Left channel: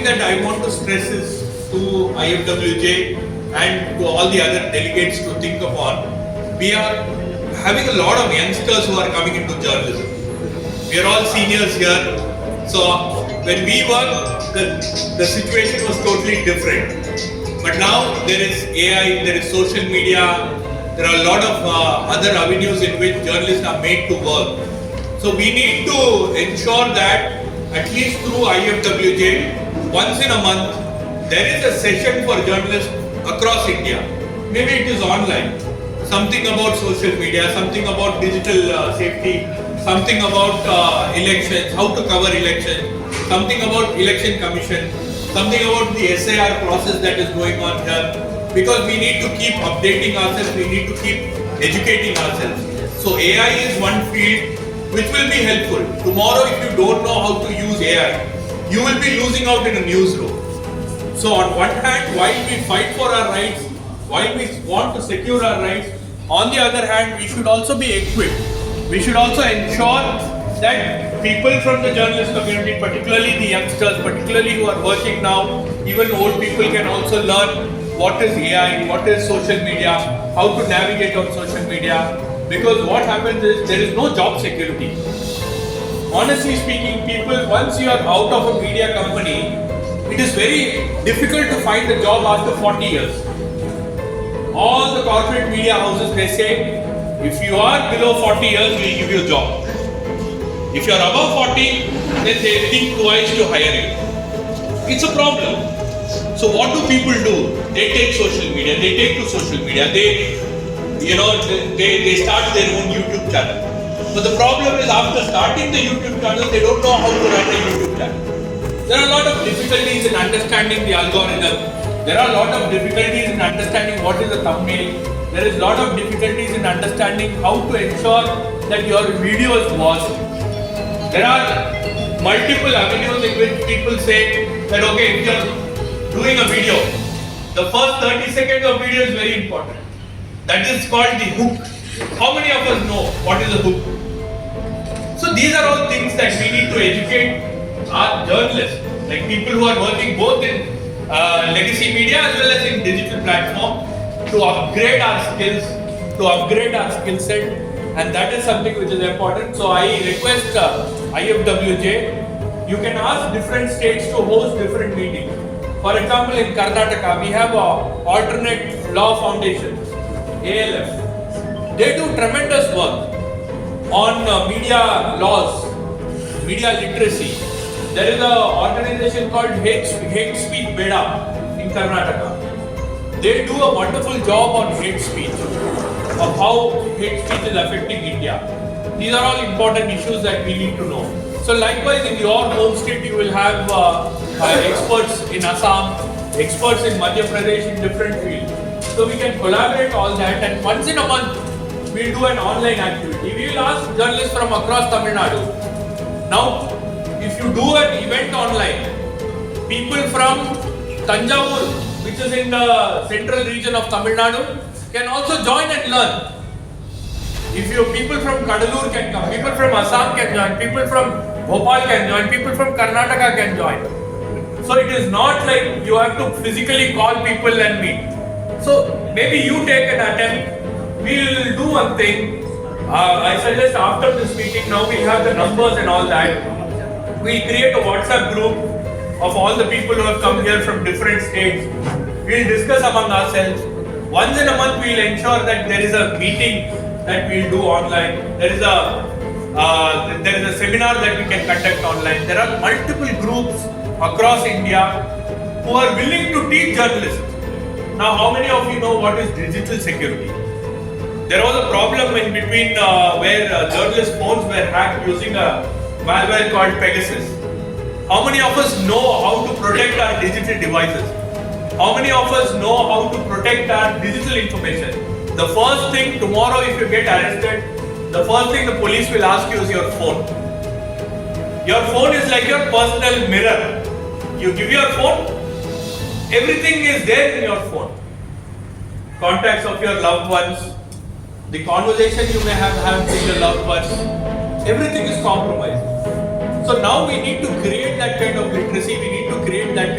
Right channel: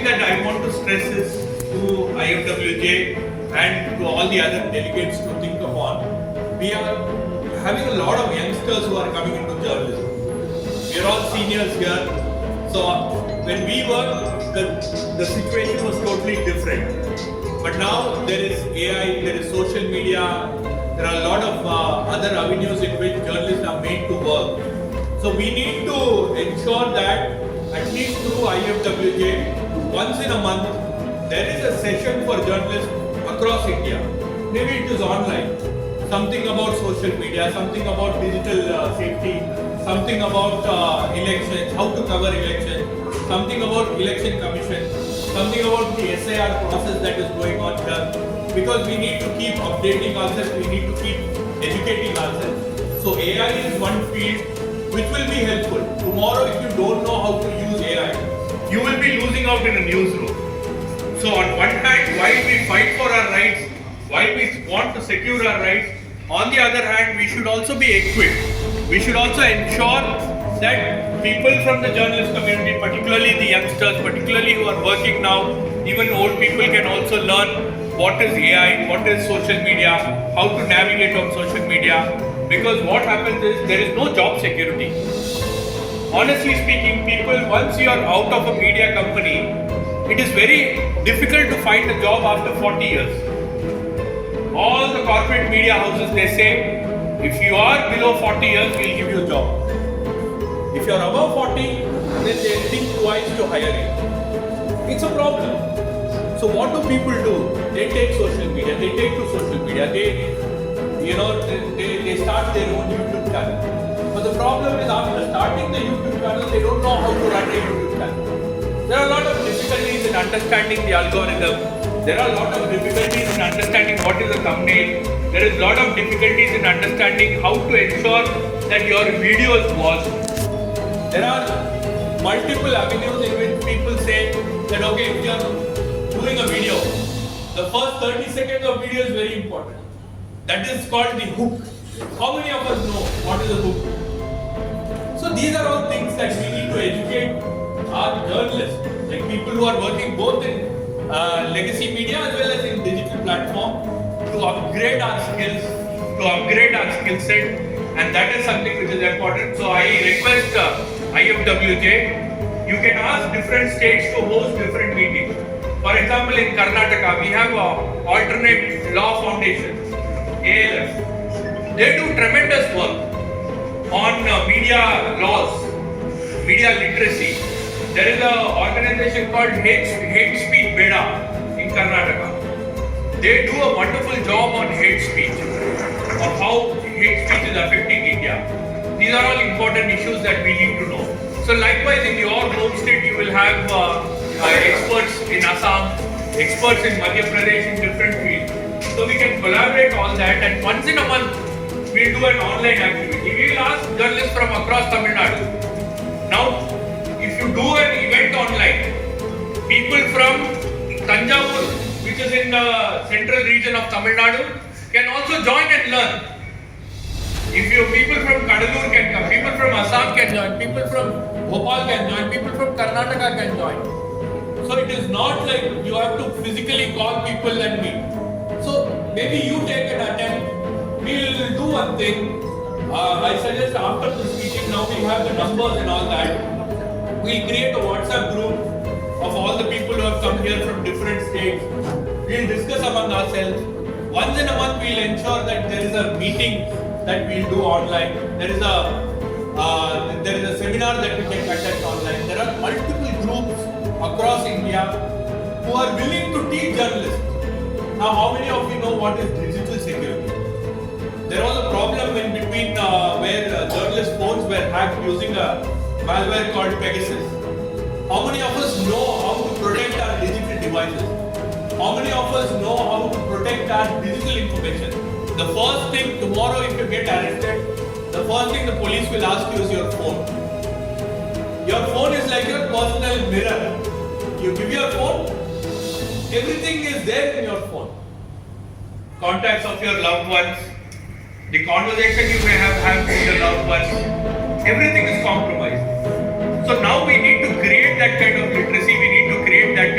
thing that I want to stress is to IFWJ and to all the other delegates to think upon. We are having a lot of youngsters who are coming into journalism. We are all seniors here. So when we worked, the situation was totally different. But now there is AI, there is social media, there are a lot of other avenues in which journalists are made to work. So we need to ensure that at least through IFWJ, once in a month, there is a session for journalists across India. Maybe it is online. Something about social media, something about digital safety, something about elections, how to cover elections, something about election commission, something about the SIR process that is going on here. Because we need to keep updating ourselves, we need to keep educating ourselves. So AI is one field which will be helpful. Tomorrow if you don't know how to use AI, you will be losing out in a newsroom. So on one hand, while we fight for our rights, while we want to secure our rights, on the other hand, we should also be equipped. We should also ensure that people from the journalist community, particularly the youngsters, particularly who are working now, even old people can also learn what is AI, what is social media, how to navigate on social media. Because what happens is there is no job security. Honestly speaking, people, once you are out of a media company, it is very difficult to find a job after 40 years. All the corporate media houses, they say, if you are below 40 years, we will give you a job. If you are above 40, then they think twice to hire you. It's a problem. So what do people do? They take social media, they take to social media, they start their own YouTube channel. So the problem is after starting the YouTube channel, they don't know how to run a YouTube channel. There are a lot of difficulties in understanding the algorithm. There are a lot of difficulties in understanding what is a thumbnail. There is a lot of difficulties in understanding how to ensure that your video is watched. There are multiple avenues in which people say that okay, if you are doing a video, the first 30 seconds of video is very important. That is called the hook. How many of us know what is a hook? So these are all things that we need to educate our journalists, like people who are working both in legacy media as well as in digital platform, to upgrade our skills, to upgrade our skill set, and that is something which is important. So I request IFWJ, you can ask different states to host different meetings. For example, in Karnataka, we have a alternate law foundation, ALF. They do tremendous work on media laws, media literacy. There is an organization called Hate Speech Beda in Karnataka. They do a wonderful job on hate speech, on how hate speech is affecting India. These are all important issues that we need to know. So likewise in your home state you will have experts in Assam, experts in Madhya Pradesh in different fields. So we can collaborate all that, and once in a month we'll do an online activity. We will ask journalists from across Tamil Nadu. Now, if you do an event online, people from Tanjavur, which is in the central region of Tamil Nadu, can also join and learn. If your people from Kadalur can come, people from Assam can join, people from Bhopal can join, people from Karnataka can join. So it is not like you have to physically call people and meet. So maybe you take an attempt, we will do one thing. I suggest after this meeting, now we have the numbers and all that. We'll create a WhatsApp group of all the people who have come here from different states. We'll discuss among ourselves. Once in a month, we'll ensure that there is a meeting that we'll do online. There is a seminar that we can conduct online. There are multiple groups across India who are willing to teach journalists. Now, how many of you know what is digital security? There was a problem in between where journalist phones were hacked using a malware called Pegasus. How many of us know how to protect our digital devices? How many of us know how to protect our digital information? The first thing tomorrow, if you get arrested, the first thing the police will ask you is your phone. Your phone is like your personal mirror. You give your phone, everything is there in your phone. Contacts of your loved ones, the conversation you may have had with your loved ones, everything is compromised. So now we need to create that kind of literacy, we need to create that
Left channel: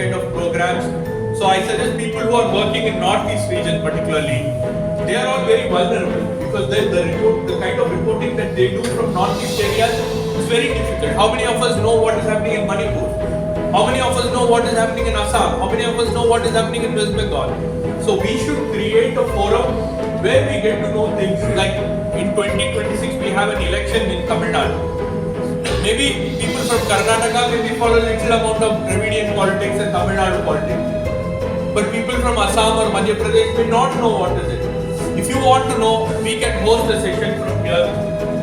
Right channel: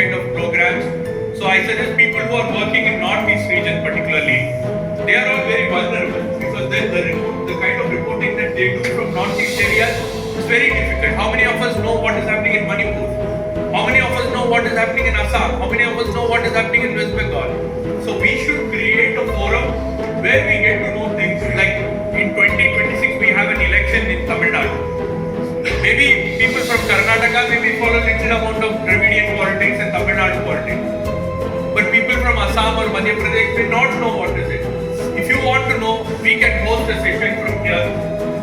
Madhya Pradesh may not know what is it. If you want to know, we can host a session from here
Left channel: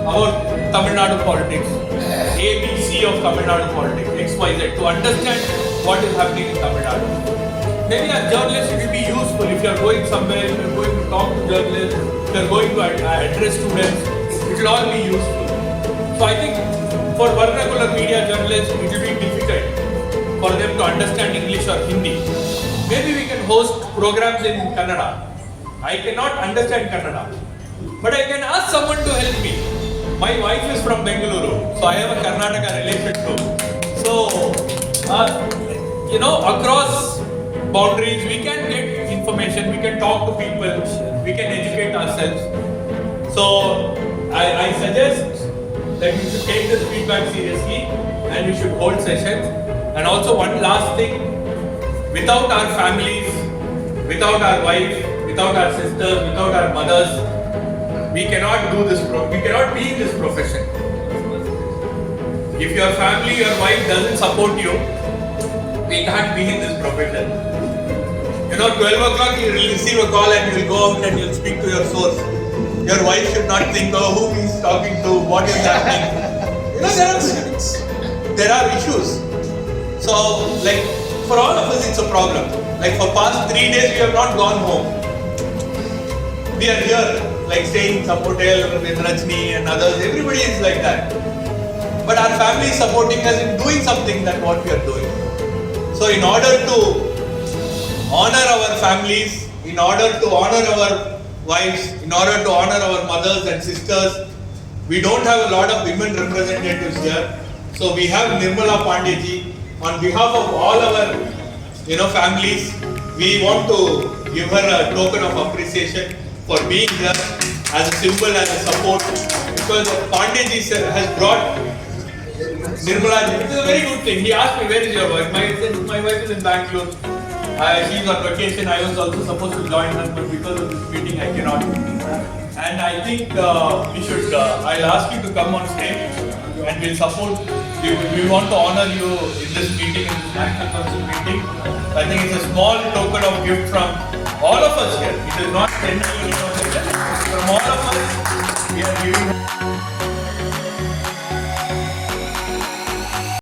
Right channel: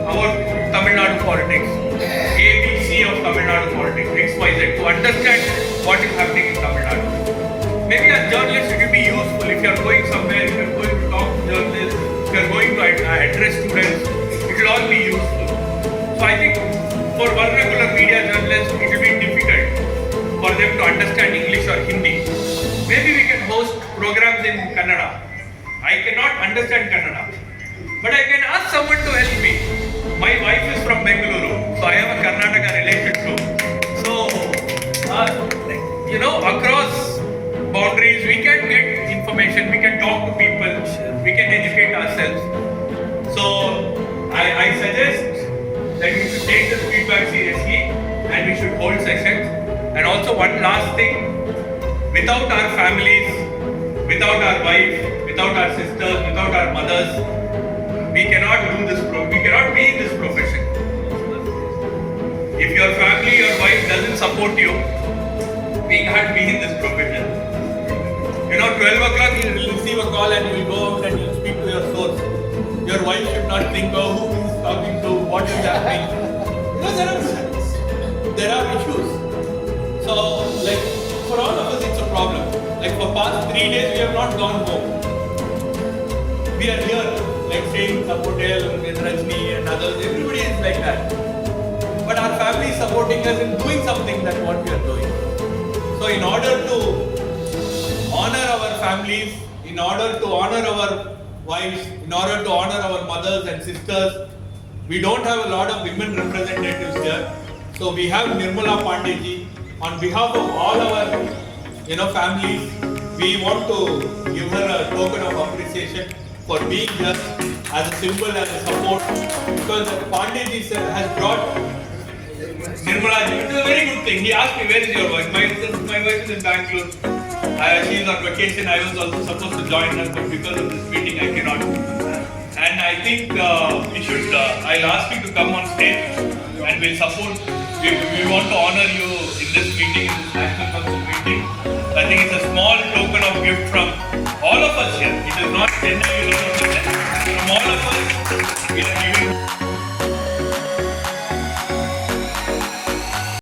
about Tamil Nadu politics, ABC of Tamil Nadu politics, XYZ, to understand what is happening in Tamil Nadu. Maybe as journalists it will be useful if you are going somewhere, if you are going to talk to journalists, if you are going to address students, it will all be useful. So I think for one regular media journalist, it will be difficult for them to understand English or Hindi. Maybe we can host programs in Kannada. I cannot understand Kannada, but I can ask someone to help me. My wife is from Bengaluru, so I have a Karnataka relation too. So, across boundaries, we can get information, we can talk to people, we can educate ourselves. So, I suggest that we should take this feedback seriously and we should hold sessions. And also one last thing, without our families, without our wives, without our sisters, without our mothers, we cannot do this, we cannot be in this profession. If your family, your wife doesn't support you, we can't be in this profession. 12 o'clock you will receive a call and you will go out and you will speak to your source. Your wife should not think, oh, who he is talking to, what is happening. There are issues. So, for all of us it's a problem. For past 3 days we have not gone home. We are here, staying in some hotel with Rajni and others. Everybody is like that. But our family is supporting us in doing something that what we are doing. So in order to honor our families, in order to honor our wives, in order to honor our mothers and sisters, we don't have a lot of women representatives here. So we have Nirmala Pandeyji. On behalf of all our families, we want to give her a token of appreciation for being here as a symbol, as a support, because Pandeyji has brought Nirmala. It is a very good thing. He asked me, where is your wife? My wife is in Bangalore. She is on vacation. I was also supposed to join her, but because of this meeting I cannot. And I think we should, I'll ask you to come on stage and we'll support. We want to honor you in this meeting, in this National Council meeting. I think it's a small token of gift from all of us here. It is not genuine.